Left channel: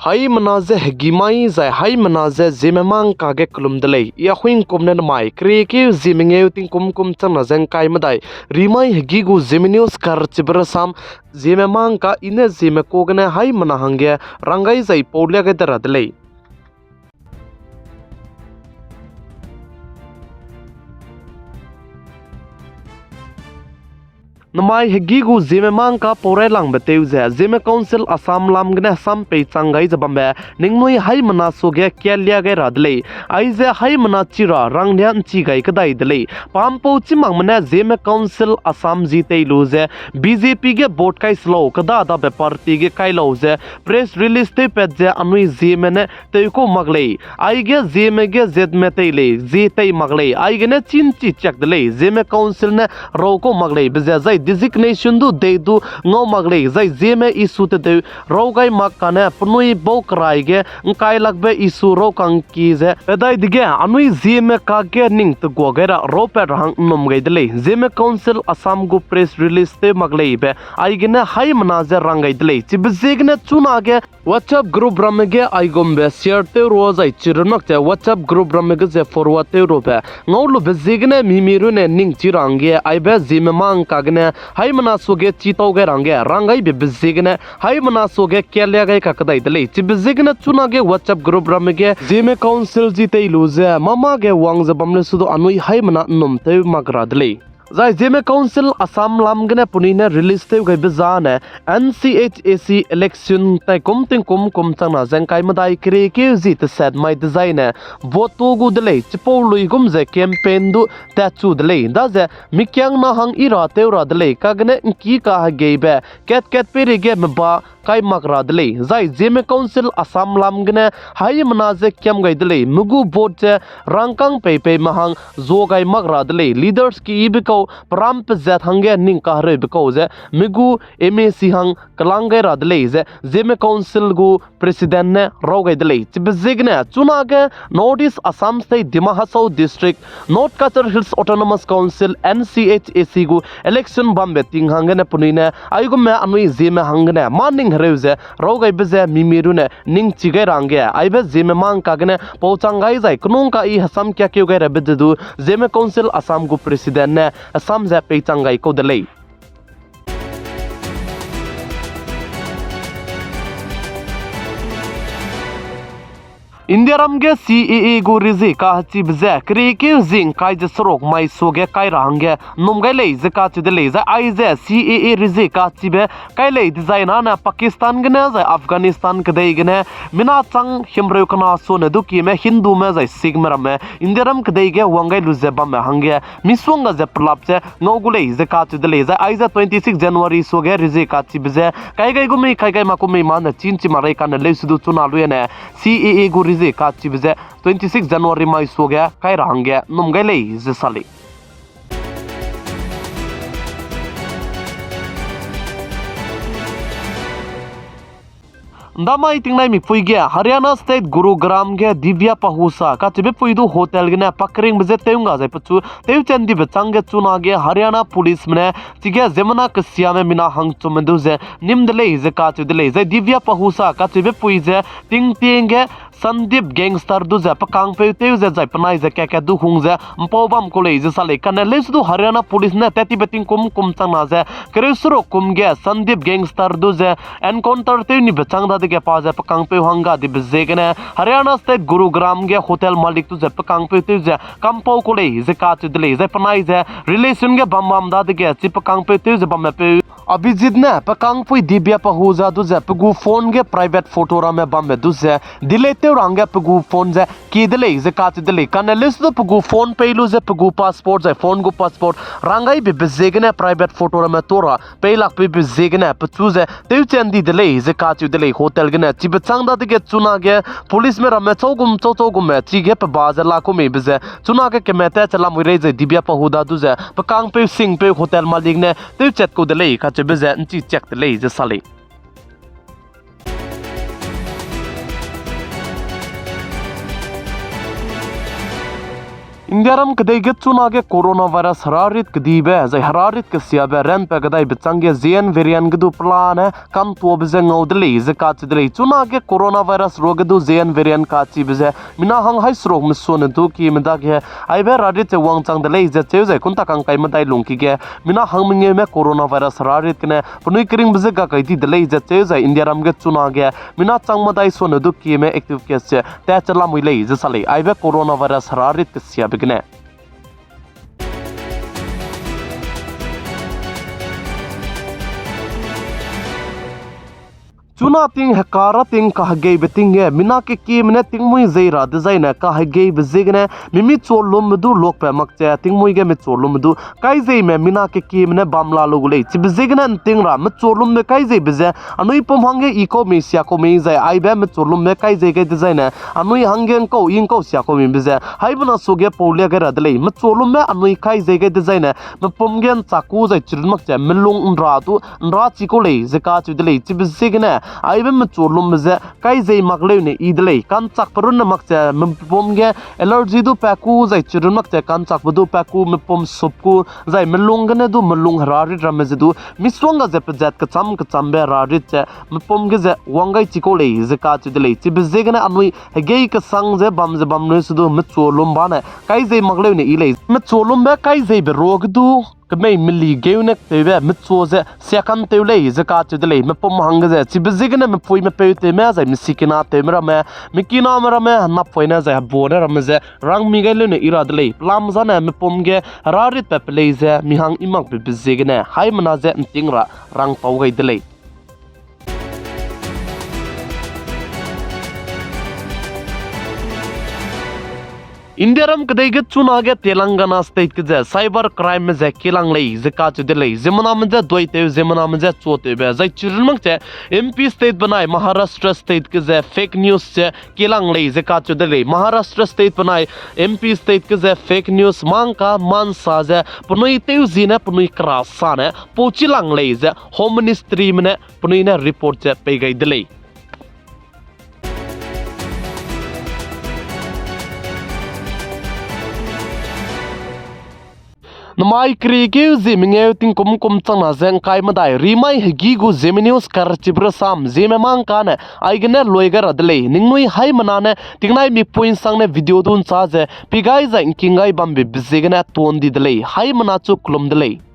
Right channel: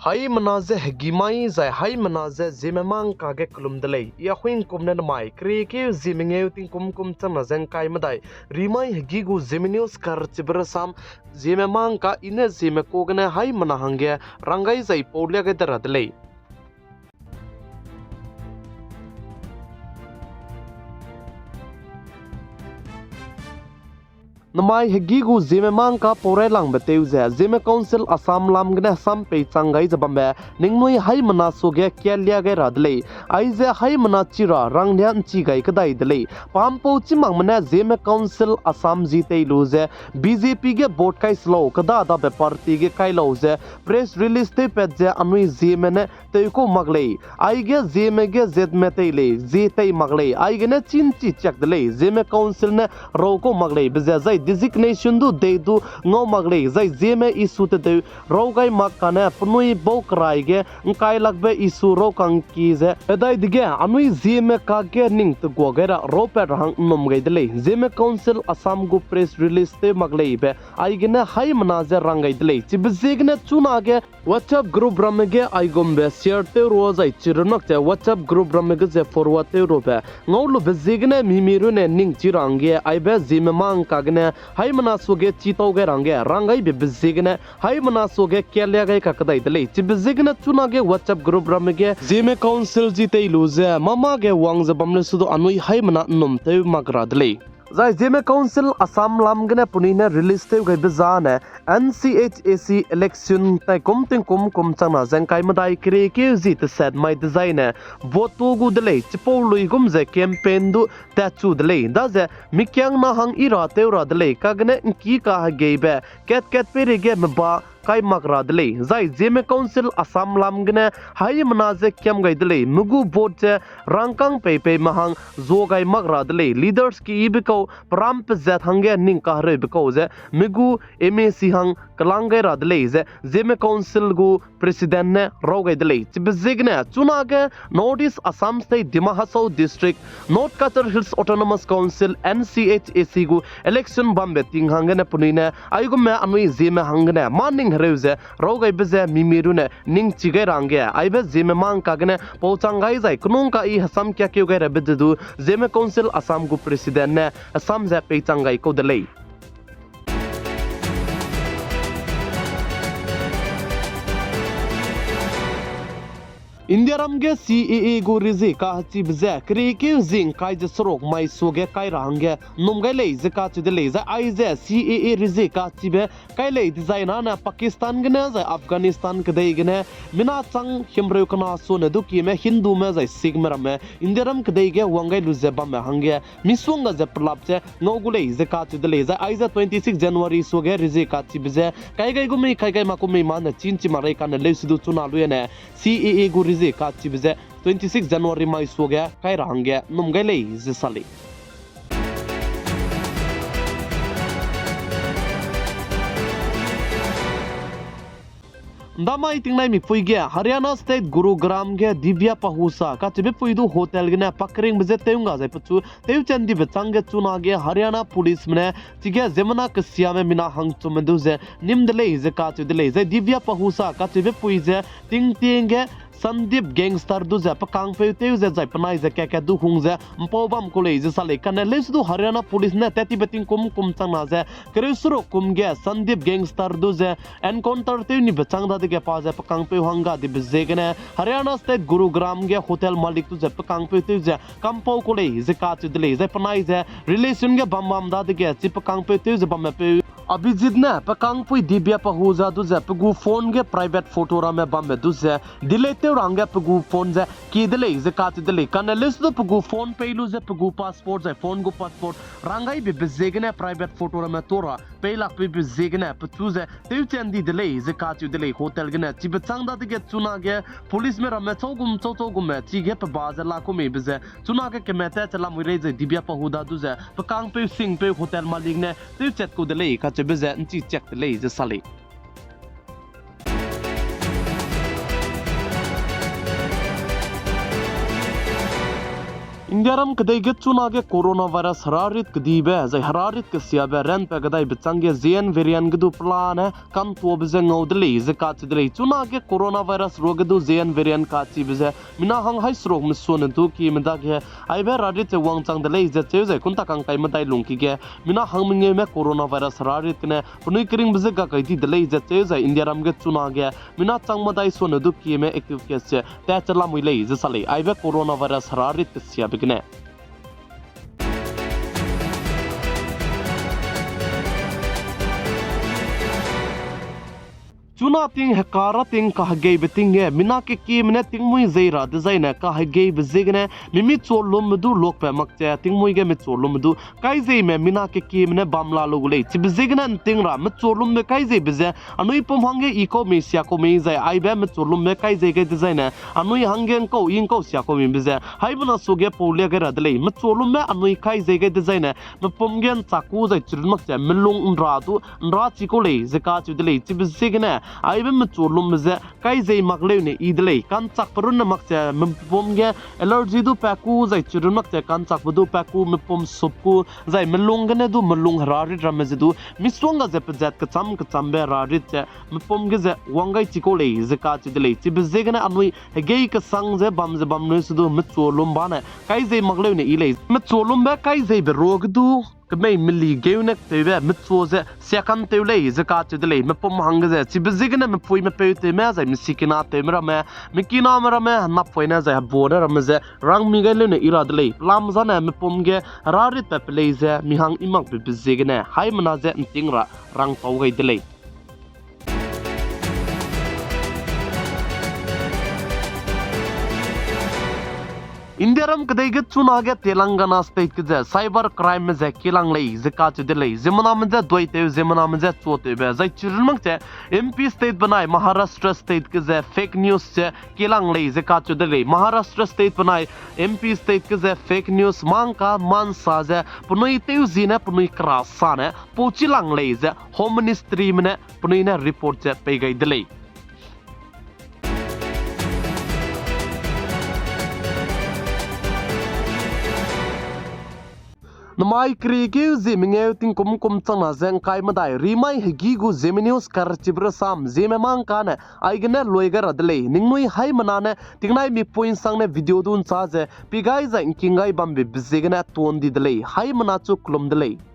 Hai menaze gimai zai hai menaze zimemang kage klum delay ya huing komnen mai kreke zimenge ting kum chana zeng kai madai rimai gigu ziminius kar chibrasam zimemang ka ine zime kogne hai mana hange rangai zai polya ge dara delay Namai hegigu zime mangka pore lang beteuze zime council asam lam gne sam pe changai jabambe ningmoi hai mana soge kyalya ge radle aize hai mana chira rangnyan chi gai kadai dele pampo chimang mane zime council asam jite luze BJP ge vote kai slow kada da be party ge kai loze press release te petse anui zime ne te ko magle aige zime ge zedme te le jite magle aige ne chin chi chak dele zime council ne ro ko magle beze zai designation du de du ngau magle zai zeme isu te de rogai makane punui bokrai ge ngai lakbe isu ro kang ki ze edai dige anui zeme ka ge ning to gogera ro pe rang nom ge dele zeme council assam gu press release te magle be ai ge na hai manaze rangai dele chibizegne chuna ge whatsapp group ramge ai gombe share te ro zai chirnak te whatsapp group ramge ze forward te ro be ngau be zegne mimiru ne ning chirange ai be zeme mang ka gne hai mana soge chitau ge rangai be bizigne hai mana soge kelya ge kakadai dele chi bizigne chuna ge whatsapp group ramge zime council jite luze mama ge wang zabamle sudo anui hai mana nom te magra dele Zai zime council asam lamgne punine release te gai bizane NCHAC election tai kum chana zengkai madai kre ke zit set my design vote gu dele chipo lui gum ze campaign du ta chu dele da ze mikyang na hang ira te ra dele kagne ki ka gebe ket pere ge ba kai makra dele zai zime council asam lamgne hai manaze kyam gai dele mugu vote rangkang pe mahang zo gai makra dele leaders ki ibiko pram pe zat hange ning ka re biko ze migu MAC hang kalangai ra dele ze zime council gu president ne rogai dele chibizigne chuna ge notice assam state Dima Hasau district North Kachar Hills autonomous council NCHAC gu election bambe ting hange ne punine aigu me anui zime hange ne maning reuze rogai beze mimirune ning chigai range aibe zime mang kagne pouchangai zai knung ka I hasam kya kyu gai rebedu zime council assam gu president ne assam za pechangai ko delay India ramge CAA gu rizi ka hachi bze kri ke zing kai je sorok mai soge kai range numgai le ze ka chi de le za ai ze CAA rizi ka chi be kai le design na Pakistan gna za Afghanistan ke dei gna mina chang himreu kana so ne du ki me Hindu me za Sikh me ram India ram ke dei ge wangai lu ze ba me hange miswanga ze plap che ngogu le ze ka chi de le za ai za 26 January soge rizi ka chi bze kai gai gu me kai gai ma ku me ma na chin chi marai kan le su du chuna lu ne CAA gu rizi ka chi bze 26 January mai so gaya kai range numgai le ze sali Damai tingnai mi puige Haryana state Gurugram ge Divya Pahusa ka tibe puidu hotel gena pakring beze teunga jai pachu teu chandi be change chuna ge Haryana police mne tige zemana kasya me mina hang chumendu je nimdele je ka chudele je Divya Pahusa ka tibe puije ting ge Sandip gangster du za pakang pe teu za jai panai za ka du hung za mpobam ko le je sale kan le su Haryana police ne tati beting kum changna za kresuro kum ge Sandip gangster du za encounter te ni bechang da de pa za pakang pe hanga di bezegene Haryana state Gurugram ge hotel malik tu za pakang pe teu za kampo ko le je ka tu de le za panai za relation ge bam da de ge chi pakang pe teu za bam pe Abhijit ne pakang pui Divya Pahusa du za pgu phone ge private photo ra me bam du za dilete range pgu phone za ki dele ze ka ti dele kan list du pgu phone pe lu za pgu passport za phone gu passport rangai be bezegne private photo ra me tora pe lak pe bezegne pchu za teu chandi dele ze ka ti dele hotel gna chi bechang da de ge chuna ge police me ra me chogum me chi ge pa ba za la ko me be ze chuna ge ke me ta chala mu re ze Divya Pahuda du za pakang pe sing pe hotel malik ne teu chat ko dele ka che be ze nchi check dele ze sale India ram kadai get chuna ge coronavirus hararit kadibe zai hararit kasiabe ren pe kadai bitsange zien variant gdu plan kam to bze ngaudli zakat dli chuna ge coronavirus rogdu zien variant ka chi bze mina hang hai srok mson du ki mda ge ai be radit wang chang dle ze che zai kun ta kang kai madai lungki ge mina hang minge me coronavirus hararit kne punui kring bze ga kai di dle ze che zai India ram ge chuna ge mina chang madai son du ki me active case che ta chala muile ze sale ai be coronavirus hararit kasiabe Gne. Chuna ting hekara ting kahgei beting ye mina ke kim ne ting mui zeira design kahgei bezigne mimi cholum du lok pe makche ting mui ge me cholum du kai zei me mina ke kim ne bamla lugule chi bezigne ting ra me cholum me kai zei beze anui pom hange iko me sia ko me zai ai be me cholum me kai zei ge design anui hange ko ing ko sia ko me beze hai bana suge pole ge radle me cholum me anui kai zei ge design me pom gen chaku zai chirun makche melung nra du nra chi ko le zeka chi dele chi bezigne ai be mchulum ze kai zei makle ne idle kan chak parun na makche pom ge allergy du paku zai chirun makche kan chak bu du paku me pom sup ku zai melung ne du melung harari ram ze du miswanga ze pjat ka cham be rarit che me pom ge ze wangai chikole ze ka chidle chi be ze ne anui ge ka sang ze bam ne su du mchulum ba ne kai zei makle ne ile mchulum be kai zei be rog du kemei mili geunek tebe mitsoze sekan teule zaka chudle me pom hangze chibizigne me poi me peute me za misikina temra me mikina mera me na poina za border ramze rang migale ne iradle lam zana me pomge rarit pepleize mihang imak bizigne hai manaze tingra rang paugai dele India ram kadai ge chuna ge Telangana state ke cyber crime me ze kilang lei zaka chudle zimana me ze doi te zimana me ze chote be zai chirun mang che MP state banai Maharashtra state ke ze fake news che kilang lei zaka chudle Maharashtra state banai MP state ke ze fake news mang ka man sa ze punui te zina punui krasa ne pochilang lei ze home ministry me ne punui ne report che pe gai dele Namai krike zimingeu ting kum chana zeng kai madai rimai hegi gu zeminius kar chibra sam zememang kan aigne loigar adle ningnui hai manane tingnai mi point sang ne video dun cha je pigai za kingai bambe bizegna ton di dle hai mana chu klum dle